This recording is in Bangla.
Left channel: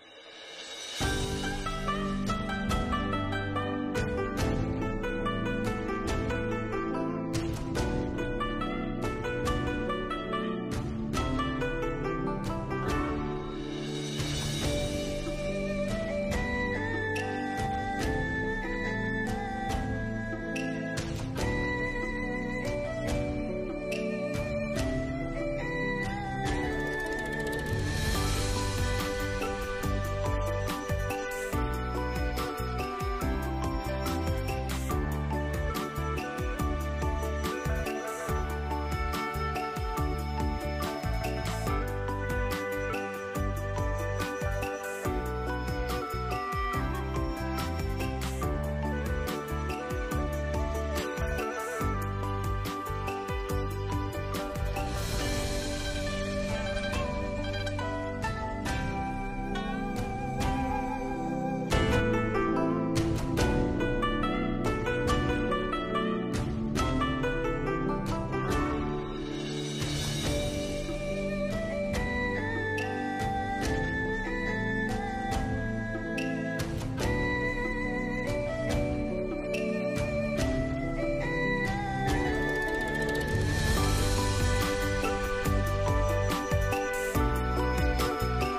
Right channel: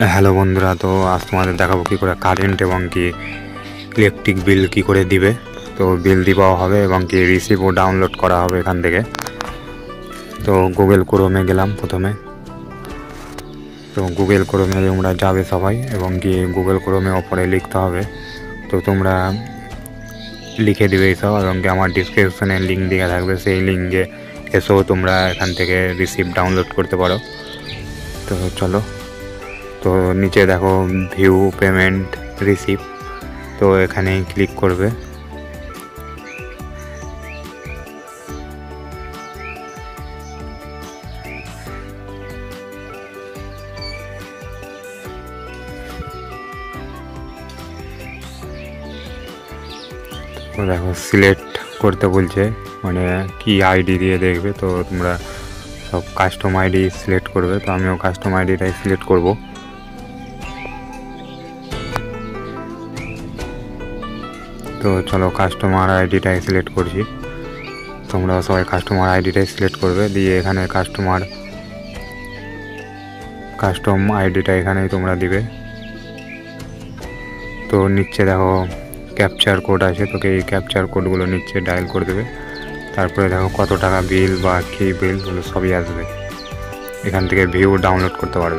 হ্যালো বন্ধুরা, তো আজ তোমাদের দেখাবো কী করে কারেন্ট এবং কি ইলেকট্রিক বিল কী করে দিবে। তো বিল দেওয়াও হবে এবং কি রিসিভও ডাউনলোড করা হবে এখান থেকে। তো গুগল ক্রোমে গেলাম প্রথমে। তো গুগল ক্রোমে তোমরা যাবে সবাই এবং কি গুগল ক্রোমে ওপরে লিখতে হবে। তো তোমরা লিখে দেবে এইসব এবং কি আমার ডিসক্রিপশনে লিঙ্ক দেওয়া থাকবে, সেই লিঙ্কে এসেও তোমরা এখান থেকে রিসিভ ডাউনলোড করতে পারো। তো চলো, তো নিচে দেখো ভিউ পেমেন্ট রিসিভ, তো এখানে ক্লিক করবে। তো দেখো সিলেক্ট করতে বলছে, মানে কি আইডি দিয়ে দেখবে। তো তোমরা সব কাস্টম আইডি সিলেক্ট করবে। তো আমিও কাস্টম আইডিটাই সিলেক্ট করব। তো চলো কাস্টমার আইডিটাই সিলেক্ট করছি। তোমরা সবাই কাস্টমার আইডিটাই সিলেক্ট করবে, দিয়ে এখানে কাস্টম আইডিটা এখানেই তোমরা দিবে। তো নিচে দেখো ক্যাপচার কোড আছে, তোকে এই ক্যাপচার কোডগুলো নিচে ডায়াল করে দেবে। তারপরে দেখো কত টাকা বিল বা কী বিল সবই আসবে। এখান থেকে ভিউ ডাউনলোড করতে পারবে।